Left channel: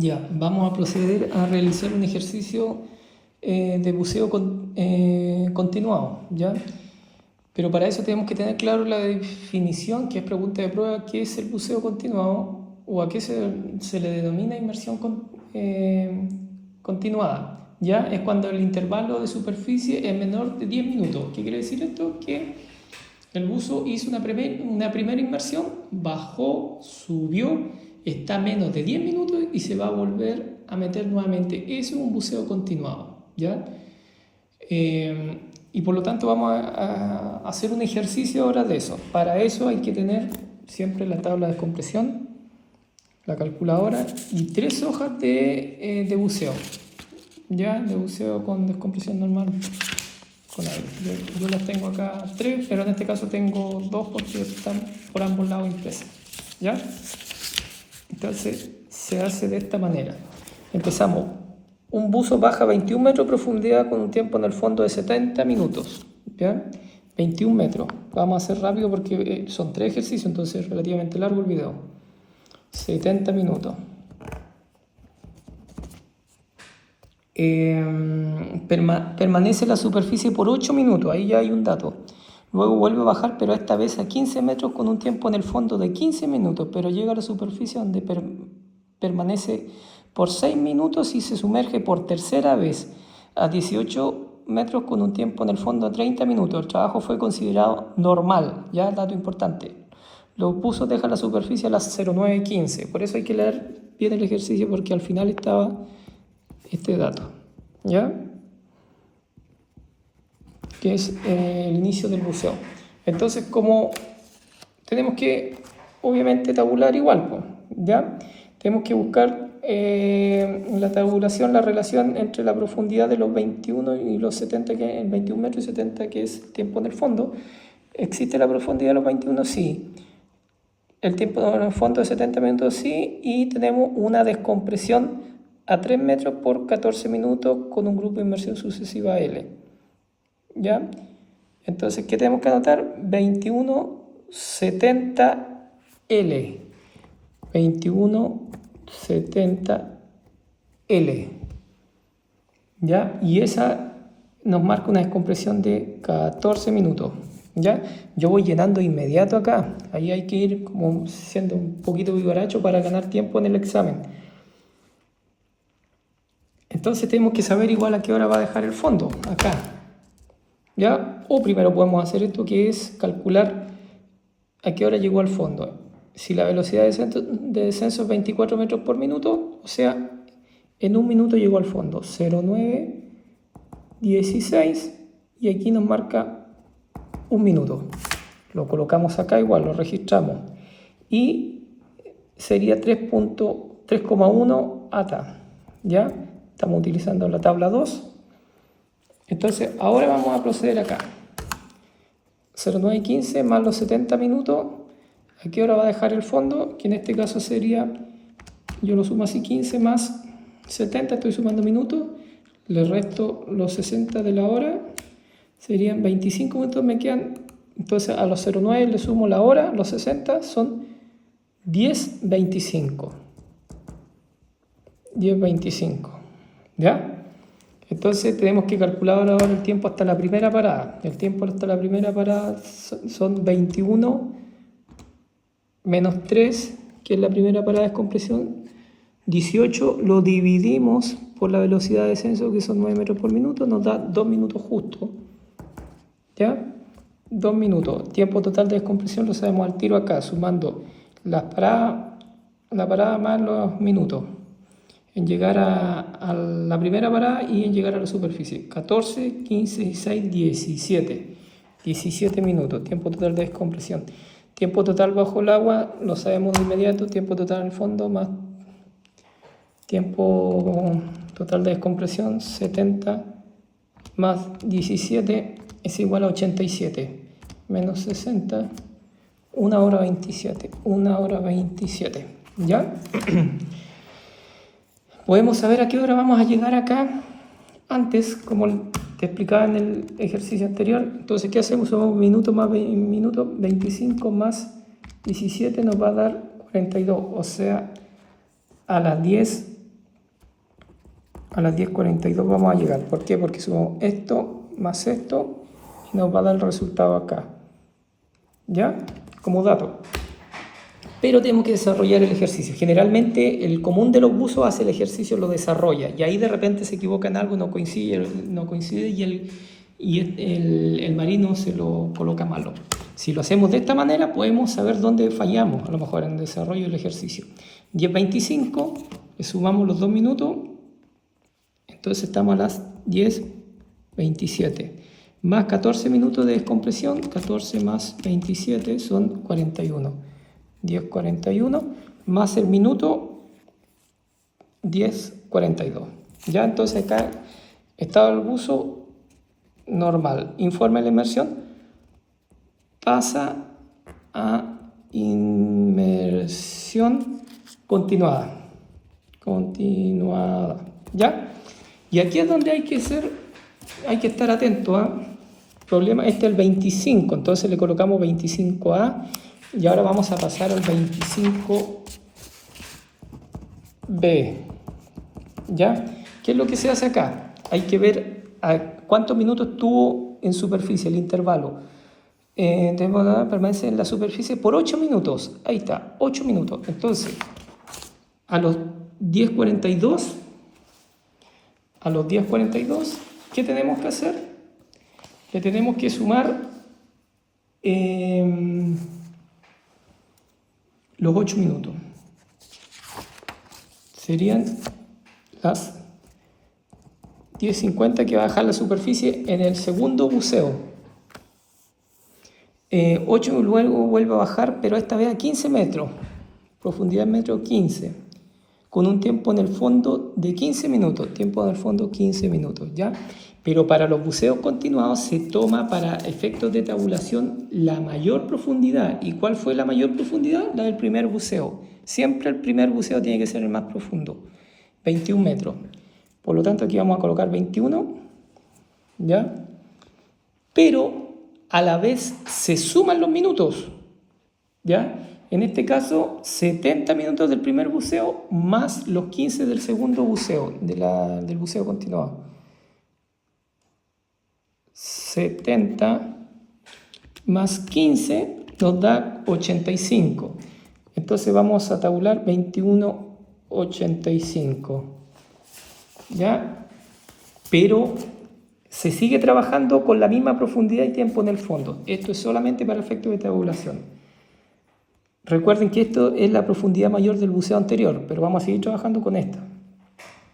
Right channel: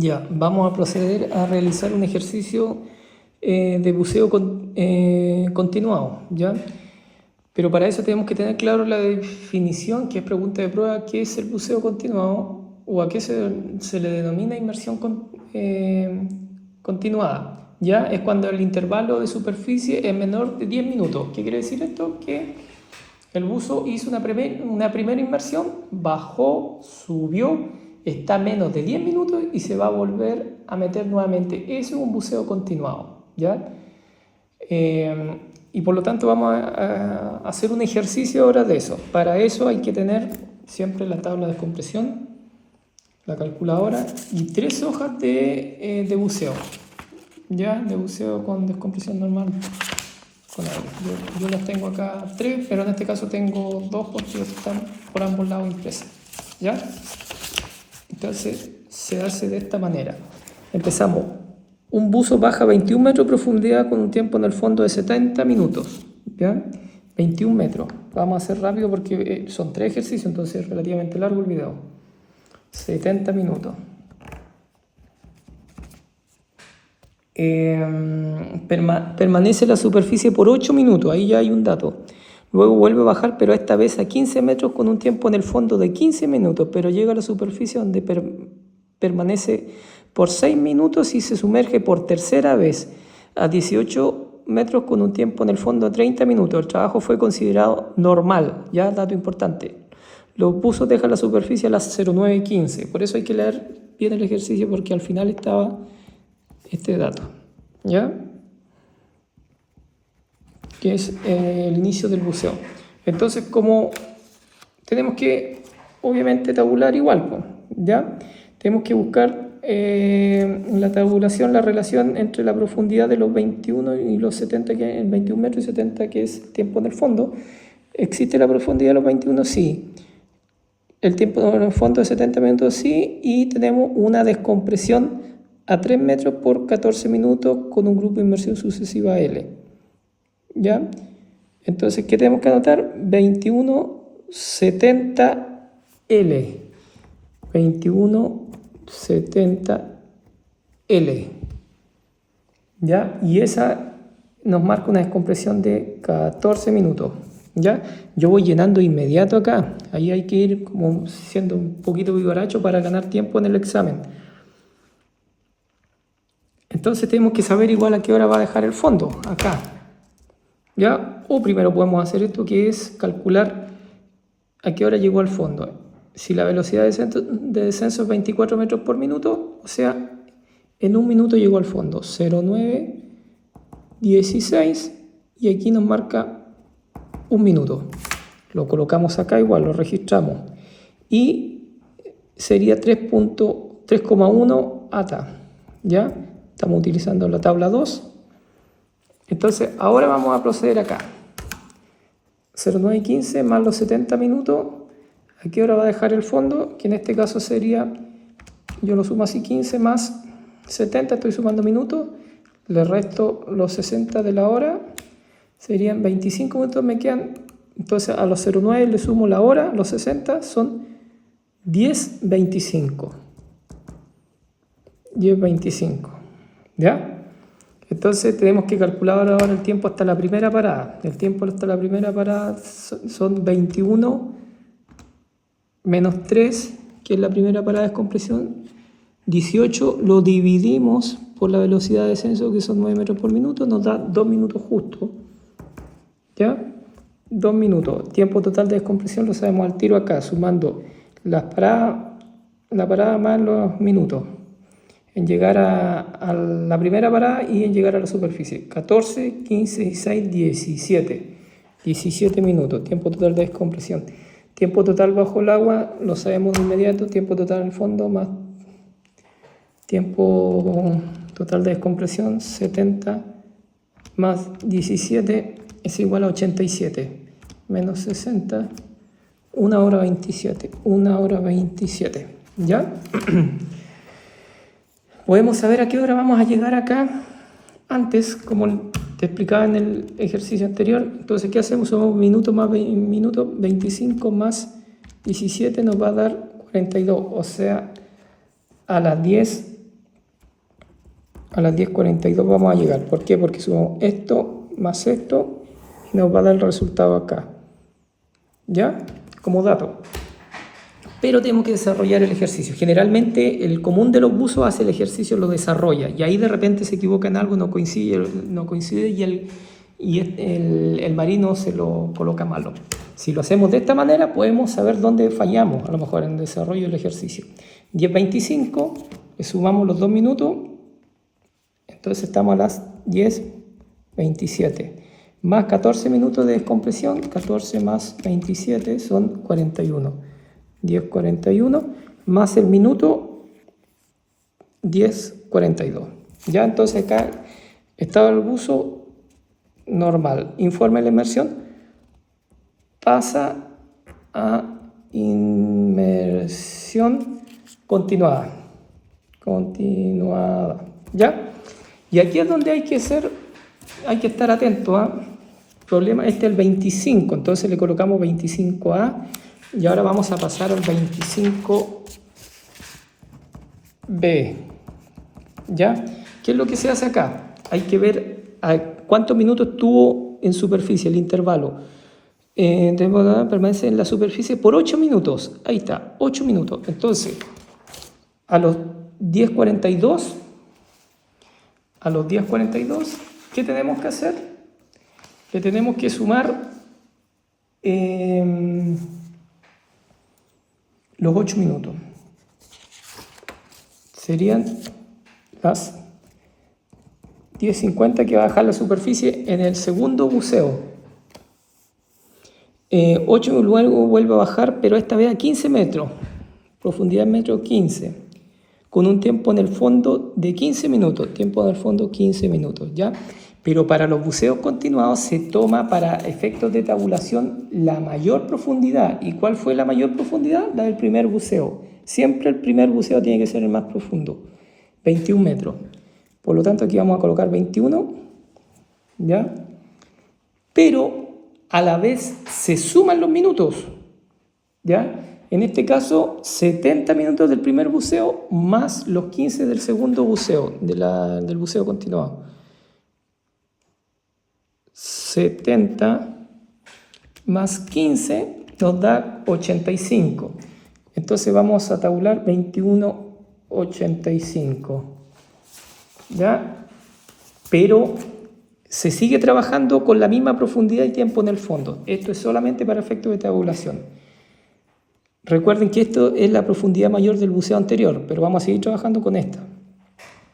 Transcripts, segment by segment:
Ya, vamos a proceder a realizar un ejercicio de buceo continuado, ¿ya? Pero para eso tenemos que tener claro la definición, que es pregunta de prueba, ¿qué es el buceo continuado o a qué se le denomina inmersión continuada? ¿Ya? Es cuando el intervalo de superficie es menor de 10 minutos. ¿Qué quiere decir esto? Que el buzo hizo una primera inmersión, bajó, subió, está a menos de 10 minutos y se va a volver a meter nuevamente. Eso es un buceo continuado, ¿ya? Y por lo tanto vamos a hacer un ejercicio ahora de eso. Para eso hay que tener siempre la tabla de descompresión, la calculadora y 3 hojas de buceo, ¿ya? De buceo con descompresión normal. Yo las tengo acá 3, pero en este caso tengo 2 porque están por ambos lados impresas, ¿ya? Entonces se hace de esta manera. Empezamos. Un buzo baja 21 metros de profundidad con un tiempo en el fondo de 70 minutos, ¿ya? 21 metros. Vamos a hacer rápido porque son 3 ejercicios, entonces es relativamente largo el video. 70 minutos. Permanece en la superficie por 8 minutos, ahí ya hay un dato. Luego vuelve a bajar, pero esta vez a 15 metros con un tiempo en el fondo de 15 minutos, pero llega a la superficie donde permanece por 6 minutos y se sumerge por tercera vez a 18 metros con un tiempo en el fondo de 30 minutos. El trabajo fue considerado normal, ya dato importante. Los buzos dejan la superficie a las 09:15, por eso hay que leer bien el ejercicio porque al final estaba este dato, ¿ya? Que es el inicio del buceo. Entonces, como tenemos que, obviamente, tabular igual, ¿ya? Tenemos que buscar en la tabulación la relación entre la profundidad de los 21 y los 70, que es 21 metros y 70, que es tiempo en el fondo. ¿Existe la profundidad de los 21? Sí. El tiempo en el fondo de 70 minutos, sí. Y tenemos una descompresión a 3 metros por 14 minutos con un grupo de inmersión sucesiva L. ¿Ya? Entonces, ¿qué tenemos que anotar? 2170L. 2170L. ¿Ya? Y esa nos marca una descompresión de 14 minutos. ¿Ya? Yo voy llenando inmediato acá. Ahí hay que ir como siendo un poquito vivaracho para ganar tiempo en el examen. Entonces tenemos que saber igual a qué hora va a dejar el fondo, acá, ¿ya? O primero podemos hacer esto, que es calcular a qué hora llegó al fondo. Si la velocidad de descenso es 24 metros por minuto, o sea, en un minuto llegó al fondo, 09:16, y aquí nos marca un minuto. Lo colocamos acá igual, lo registramos. Y sería 3,1 ATA, ¿ya? Estamos utilizando la tabla 2. Entonces, ahora vamos a proceder acá. 09:15 más los 70 minutos. ¿A qué hora va a dejar el fondo? Que en este caso sería, yo lo sumo así, 15 más 70, estoy sumando minutos. Le resto los 60 de la hora. Serían 25 minutos, me quedan. Entonces, a los 09 le sumo la hora, los 60 son 10:25. 10:25. ¿Ya? Entonces tenemos que calcular ahora el tiempo hasta la primera parada. El tiempo hasta la primera parada son 21 menos 3, que es la primera parada de descompresión. 18 lo dividimos por la velocidad de descenso, que son 9 metros por minuto, nos da 2 minutos justo. ¿Ya? 2 minutos. Tiempo total de descompresión lo sabemos al tiro acá, sumando la parada más los minutos. En llegar a la primera parada y en llegar a la superficie. 14, 15, 16, 17. 17 minutos. Tiempo total de descompresión. Tiempo total bajo el agua, lo sabemos de inmediato. Tiempo total en el fondo más tiempo total de descompresión. 70 más 17 es igual a 87. Menos 60. 1 hora 27. 1 hora 27. ¿Ya? Podemos saber a qué hora vamos a llegar acá antes, como te explicaba en el ejercicio anterior. Entonces, ¿qué hacemos? Somos minuto más minuto, 25 más 17 nos va a dar 42. O sea, a las 10 a las 10:42 vamos a llegar. ¿Por qué? Porque sumamos esto más esto y nos va a dar el resultado acá. ¿Ya? Como dato. Pero tenemos que desarrollar el ejercicio. Generalmente el común de los buzos hace el ejercicio, lo desarrolla, y ahí de repente se equivoca en algo, no coincide y el marino se lo coloca malo. Si lo hacemos de esta manera, podemos saber dónde fallamos, a lo mejor en el desarrollo del ejercicio. 10:25, le sumamos los 2 minutos, entonces estamos a las 10:27. Más 14 minutos de descompresión, 14 más 27 son 41. 10:41 más el minuto 10:42. Ya entonces acá estado del buzo normal. Informe de la inmersión. Pasa a inmersión continuada. ¿Ya? Y aquí es donde hay que estar atento a problema. Este es el 25, entonces le colocamos 25A. Y ahora vamos a pasar al 25B. ¿Ya? ¿Qué es lo que se hace acá? Hay que ver cuántos minutos tuvo en superficie el intervalo. Permanece en la superficie por 8 minutos. Ahí está, 8 minutos. Entonces, a los 10:42, ¿qué tenemos que hacer? Le tenemos que sumar los 8 minutos. Serían las 10:50 que va a bajar la superficie en el segundo buceo. 8 luego vuelve a bajar, pero esta vez a 15 metros. Profundidad en metro 15. Con un tiempo en el fondo de 15 minutos. Tiempo en el fondo 15 minutos, ¿ya? Pero para los buceos continuados se toma para efectos de tabulación la mayor profundidad. ¿Y cuál fue la mayor profundidad? La del primer buceo. Siempre el primer buceo tiene que ser el más profundo. 21 metros. Por lo tanto, aquí vamos a colocar 21. ¿Ya? Pero a la vez se suman los minutos. ¿Ya? En este caso, 70 minutos del primer buceo más los 15 del segundo buceo, del buceo continuado. 70 más 15 nos da 85. Entonces vamos a tabular 21,85. ¿Ya? Pero se sigue trabajando con la misma profundidad y tiempo en el fondo. Esto es solamente para efectos de tabulación. Recuerden que esto es la profundidad mayor del buceo anterior, pero vamos a seguir trabajando con esta.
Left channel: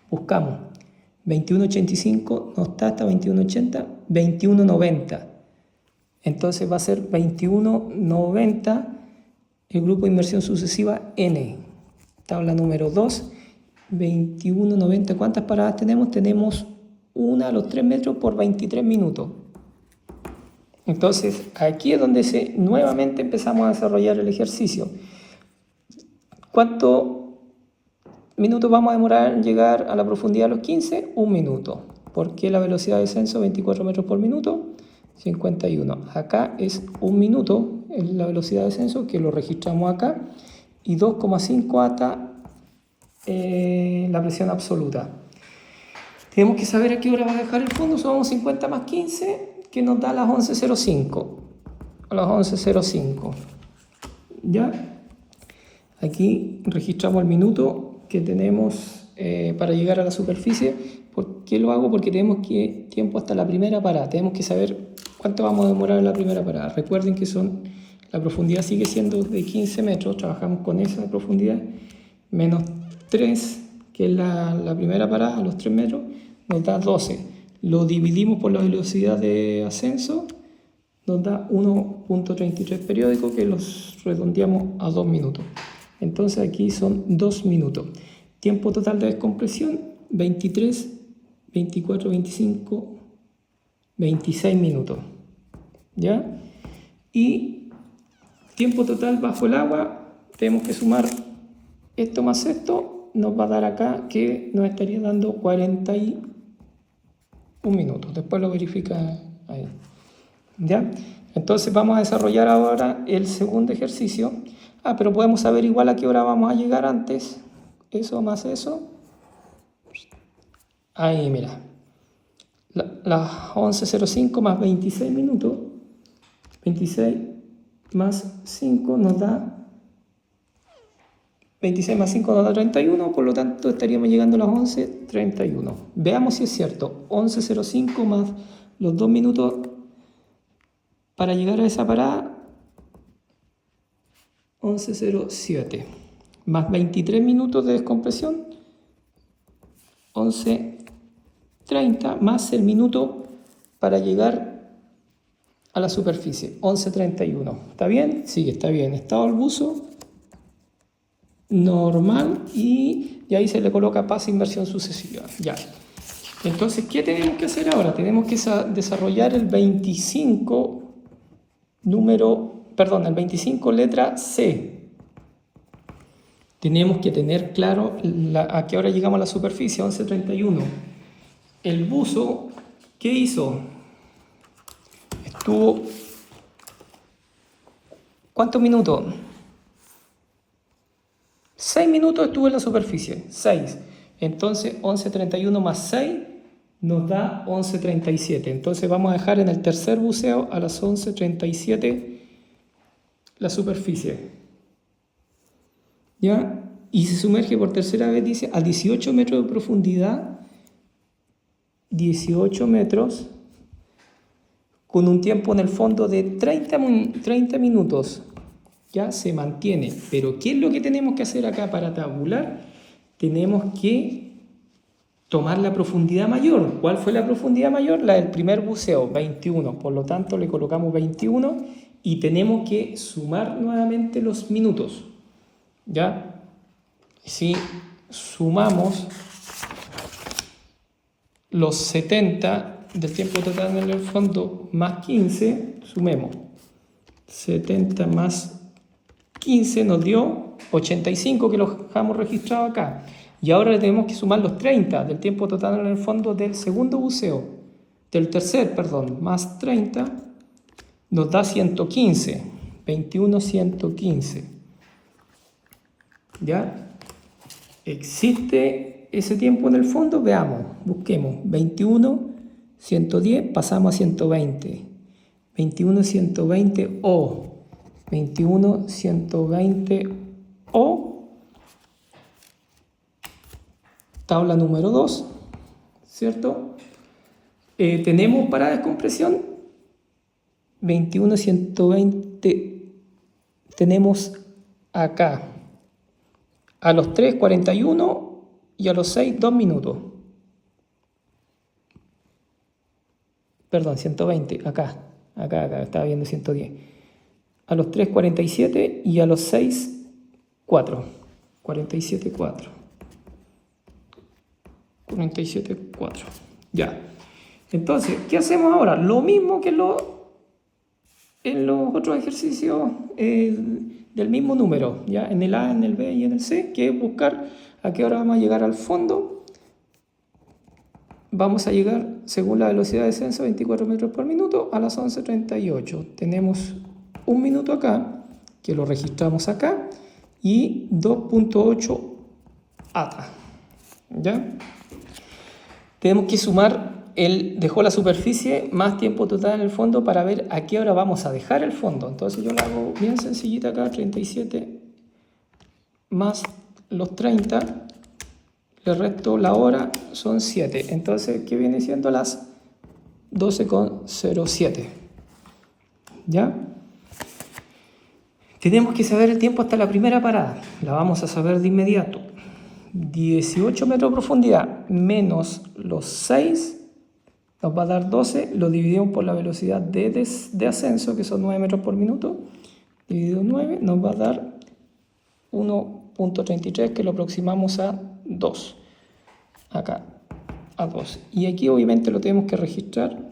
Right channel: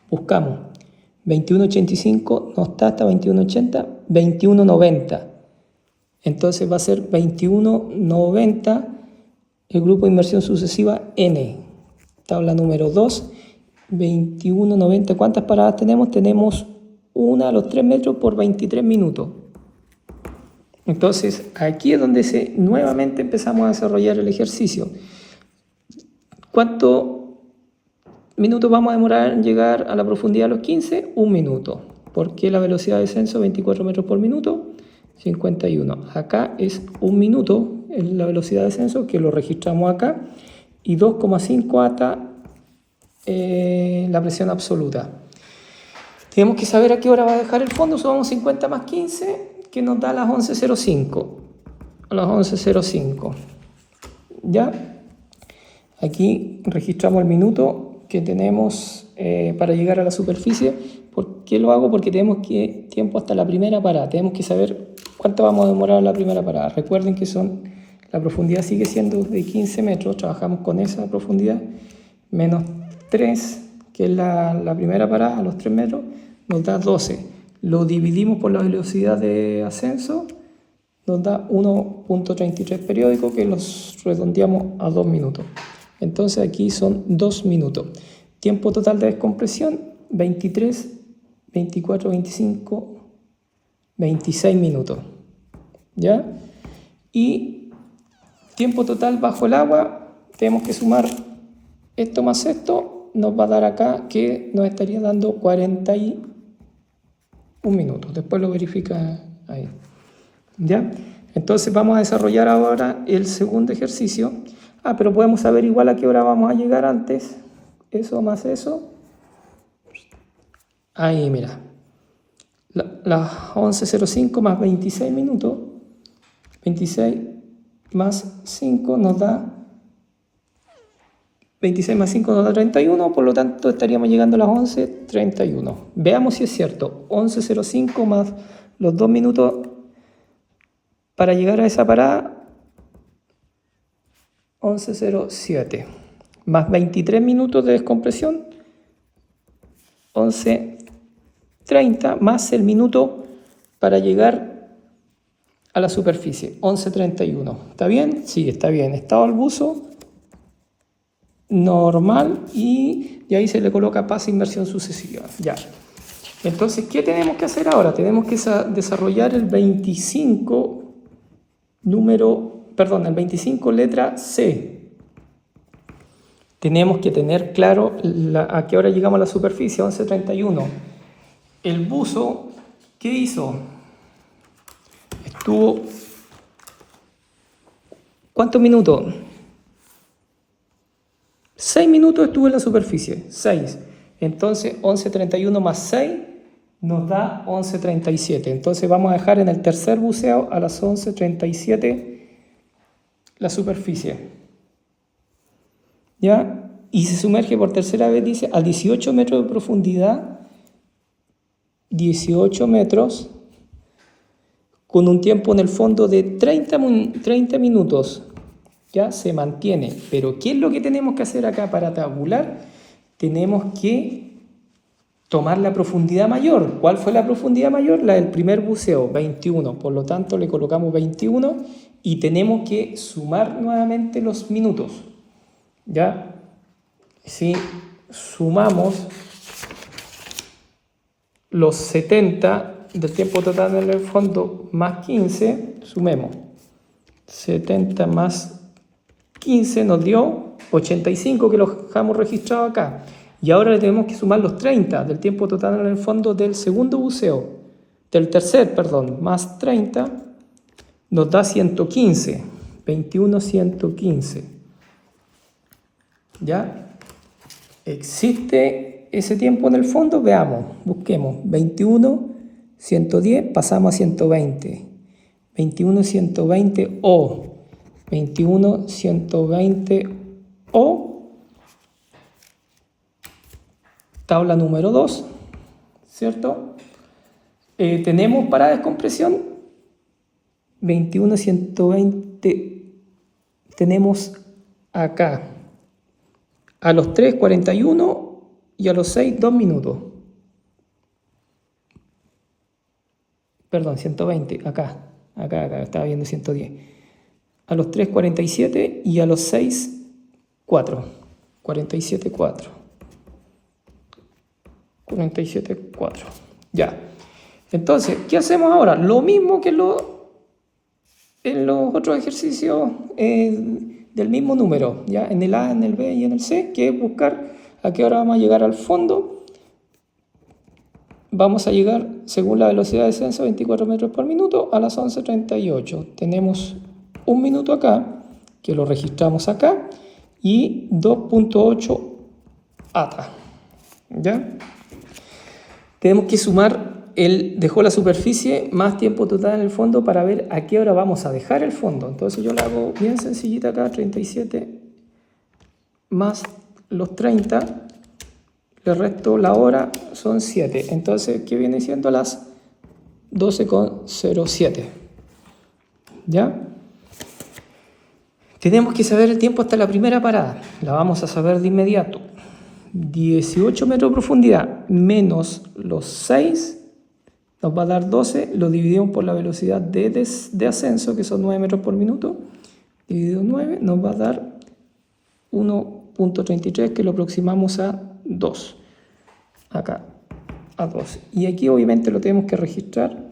Buscamos 21,85, no está hasta 21,80, 21,90. Entonces va a ser 21,90 el grupo de inmersión sucesiva N. Tabla número 2, 21,90. ¿Cuántas paradas tenemos? Tenemos una a los 3 metros por 23 minutos. Entonces, aquí es donde nuevamente empezamos a desarrollar el ejercicio. ¿Cuántos minutos vamos a demorar en llegar a la profundidad de los 15? 1 minuto. ¿Por qué la velocidad de descenso 24 metros por minuto? 51. Acá es 1 minuto es la velocidad de descenso, que lo registramos acá, y 2,5 hasta la presión absoluta. Tenemos que saber a qué hora va a dejar el fondo. Son 50 más 15, que nos da a las 11:05. A las 11:05. ¿Ya? Aquí registramos el minuto que tenemos para llegar a la superficie. ¿Por qué lo hago? Porque tenemos tiempo hasta la primera parada. Tenemos que saber cuánto vamos a demorar en la primera parada. Recuerden que la profundidad sigue siendo de 15 metros. Trabajamos con esa profundidad. Menos 3, que es la primera parada, a los 3 metros, nos da 12. Lo dividimos por la velocidad de ascenso, nos da 1,33 periódico, que los redondeamos a 2 minutos. Entonces aquí son 2 minutos. Tiempo total de descompresión, 23, 24, 25, 26 minutos. ¿Ya? Y tiempo total bajo el agua, tenemos que sumar esto más esto, nos va a dar acá que nos estaría dando 41 minutos. Después lo verifica ahí. ¿Ya? Entonces vamos a desarrollar ahora el segundo ejercicio. Pero podemos saber igual a qué hora vamos a llegar antes. Eso más eso. Ahí, mira. Las 11:05 más 26 minutos. 26 más 5 nos da 26 más 5 nos da 31, por lo tanto estaríamos llegando a las 11:31. Veamos si es cierto. 11:05 más los 2 minutos para llegar a esa parada, 11:07. Más 23 minutos de descompresión, 11:30, más el minuto para llegar a la superficie, 11:31. ¿Está bien? Sí, está bien. Estado al buzo normal y ahí se le coloca pase inversión sucesiva. Ya. Entonces, ¿qué tenemos que hacer ahora? Tenemos que desarrollar el 25 el 25 letra C. Tenemos que tener claro a qué hora llegamos a la superficie, 11:31. El buzo, ¿qué hizo? Estuvo... ¿Cuántos minutos? 6 minutos estuvo en la superficie, 6. Entonces 11:31 más 6 nos da 11:37. Entonces vamos a dejar en el tercer buceo a las 11:37 la superficie. ¿Ya? Y se sumerge por tercera vez, dice, a 18 metros de profundidad, 18 metros, con un tiempo en el fondo de 30 minutos. Ya se mantiene. Pero ¿qué es lo que tenemos que hacer acá para tabular? Tenemos que tomar la profundidad mayor. ¿Cuál fue la profundidad mayor? La del primer buceo, 21. Por lo tanto, le colocamos 21 y tenemos que sumar nuevamente los minutos. ¿Ya? Si sumamos los 70 del tiempo total en el fondo más 15, sumemos. 70 más 15 nos dio 85, que lo dejamos registrado acá. Y ahora le tenemos que sumar los 30 del tiempo total en el fondo del segundo buceo, del tercer, perdón, más 30 nos da 115, 21, 115. ¿Ya? ¿Existe ese tiempo en el fondo? Veamos, busquemos. 21, 110, pasamos a 120. 21, 120 o 21, 120 o tabla número 2, ¿cierto? Tenemos para descompresión 21, 120, tenemos acá a los 3, 41 y a los 6, 2 minutos. Perdón, 120, acá, estaba viendo 110. A los 3, 47 y a los 6, 4. 47, 4. 47, 4. Ya. Entonces, ¿qué hacemos ahora? Lo mismo que en los otros ejercicios del mismo número, ¿ya? En el A, en el B y en el C, que es buscar a qué hora vamos a llegar al fondo. Vamos a llegar, según la velocidad de descenso, 24 metros por minuto, a las 11:38. Tenemos un minuto acá, que lo registramos acá, y 2.8 ATA. ¿Ya? Tenemos que sumar dejó la superficie más tiempo total en el fondo para ver a qué hora vamos a dejar el fondo. Entonces yo lo hago bien sencillita acá, 37 más los 30, le resto la hora, son 7. Entonces, ¿qué viene siendo? Las 12:07. ¿Ya? Tenemos que saber el tiempo hasta la primera parada. La vamos a saber de inmediato. 18 metros de profundidad menos los 6 nos va a dar 12. Lo dividimos por la velocidad de ascenso, que son 9 metros por minuto. Dividido 9 nos va a dar 1.33, que lo aproximamos a 2. Acá, a 2. Y aquí obviamente lo tenemos que registrar,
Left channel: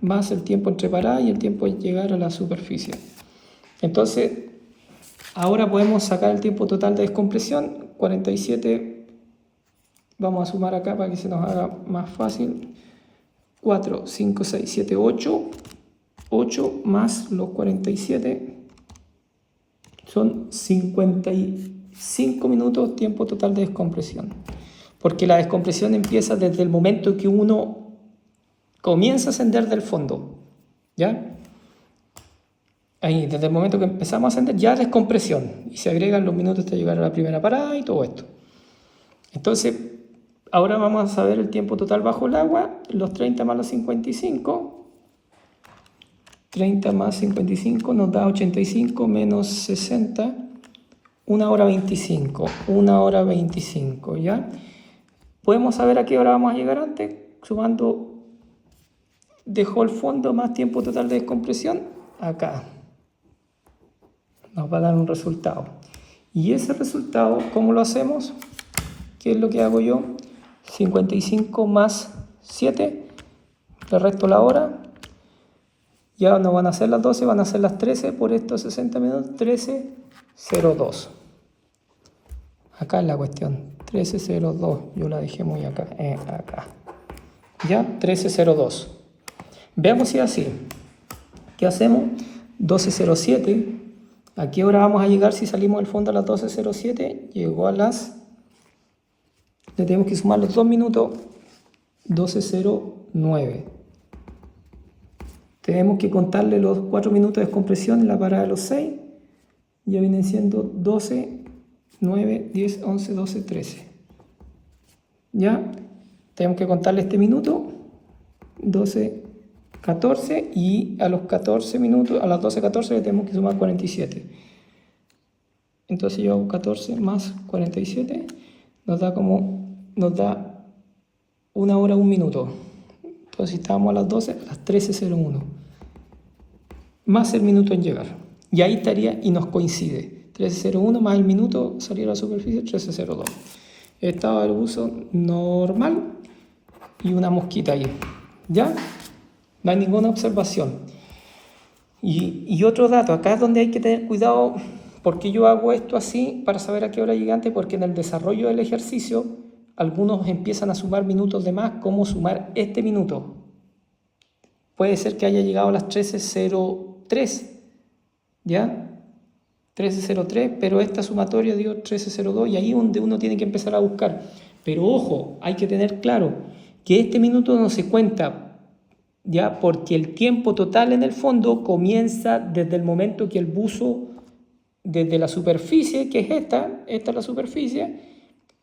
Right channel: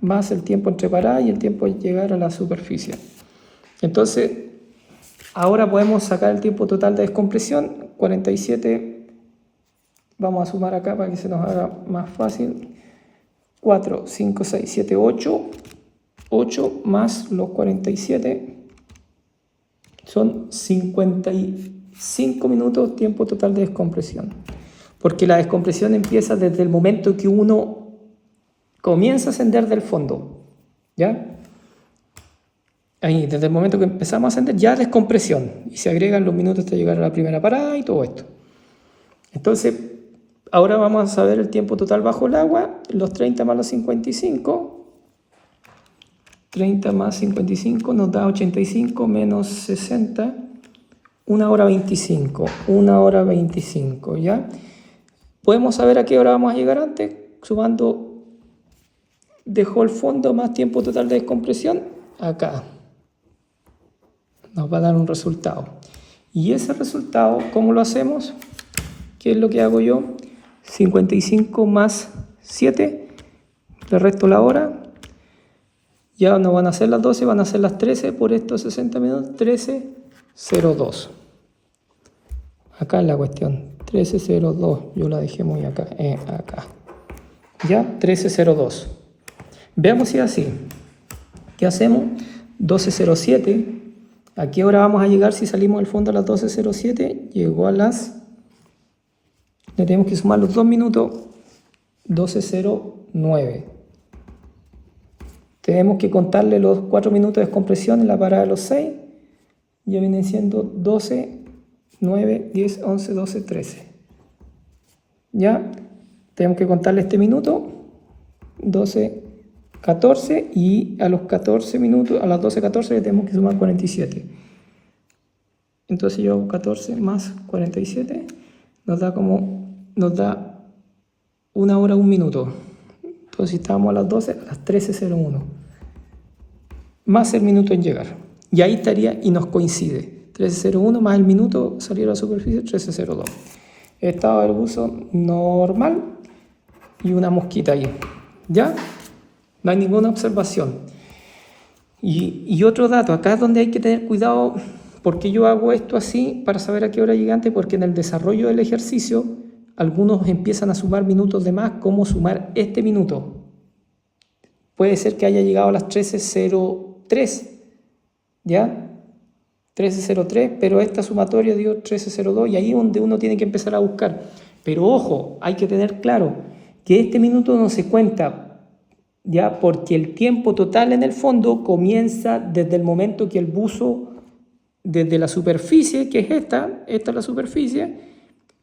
más el tiempo entre paradas y el tiempo de llegar a la superficie. Entonces, ahora podemos sacar el tiempo total de descompresión, 47, vamos a sumar acá para que se nos haga más fácil, 4, 5, 6, 7, 8, 8 más los 47, son 55 minutos tiempo total de descompresión. porque la descompresión empieza desde el momento que uno comienza a ascender del fondo, ¿ya? Ahí, desde el momento que empezamos a ascender, ya descompresión, y se agregan los minutos hasta llegar a la primera parada y todo esto. Entonces, ahora vamos a saber el tiempo total bajo el agua, los 30 más los 55. 30 más 55 nos da 85 menos 60, 1 hora 25, 1 hora 25, ¿ya? Podemos saber a qué hora vamos a llegar antes, sumando, dejó el fondo más tiempo total de descompresión, acá. Nos va a dar un resultado. Y ese resultado, ¿cómo lo hacemos? ¿Qué es lo que hago yo? 55 más 7, le resto la hora. Ya no van a ser las 12, van a ser las 13 por estos 60 minutos. 13:02. Acá es la cuestión. 13:02. Yo la dejé muy acá. Acá. Ya, 13:02. Veamos si es así. ¿Qué hacemos? 12:07. ¿A qué hora vamos a llegar si salimos del fondo a las 12:07? Llegó a las... Le tenemos que sumar los 2 minutos. 12:09. Tenemos que contarle los 4 minutos de descompresión en la parada de los 6. Ya vienen siendo 12, 9, 10, 11, 12, 13. ¿Ya? Tenemos que contarle este minuto. 12, 14. Y a los 14 minutos, a las 12, 14 le tenemos que sumar 47. Entonces yo hago 14 más 47. Nos da 1 hora, 1 minuto. Entonces estamos a las 12, a las 13:01. Más el minuto en llegar. Y ahí estaría y nos coincide. 13:01 más el minuto salir a la superficie, 13:02. Estado del buzo normal y una mosquita ahí. ¿Ya? No hay ninguna observación. Y otro dato, acá es donde hay que tener cuidado, porque yo hago esto así para saber a qué hora llegué antes, porque en el desarrollo del ejercicio algunos empiezan a sumar minutos de más, como sumar este minuto. Puede ser que haya llegado a las 13:03, ¿ya? 13:03, pero esta sumatoria dio 13:02 y ahí es donde uno tiene que empezar a buscar. Pero ojo, hay que tener claro que este minuto no se cuenta, ¿ya? Porque el tiempo total en el fondo comienza desde el momento que el buzo, desde la superficie, que es esta es la superficie,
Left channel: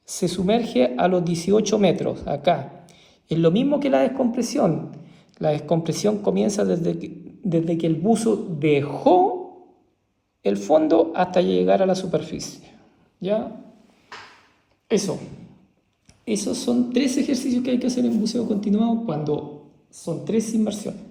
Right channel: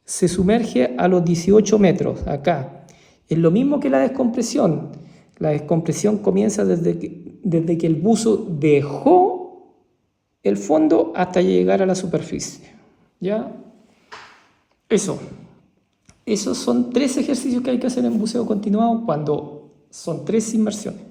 se sumerge a los 18 metros, acá. Es lo mismo que la descompresión. La descompresión comienza desde que el buzo dejó el fondo hasta llegar a la superficie. ¿Ya? Esos son 3 ejercicios que hay que hacer en buceo continuado cuando son 3 inmersiones.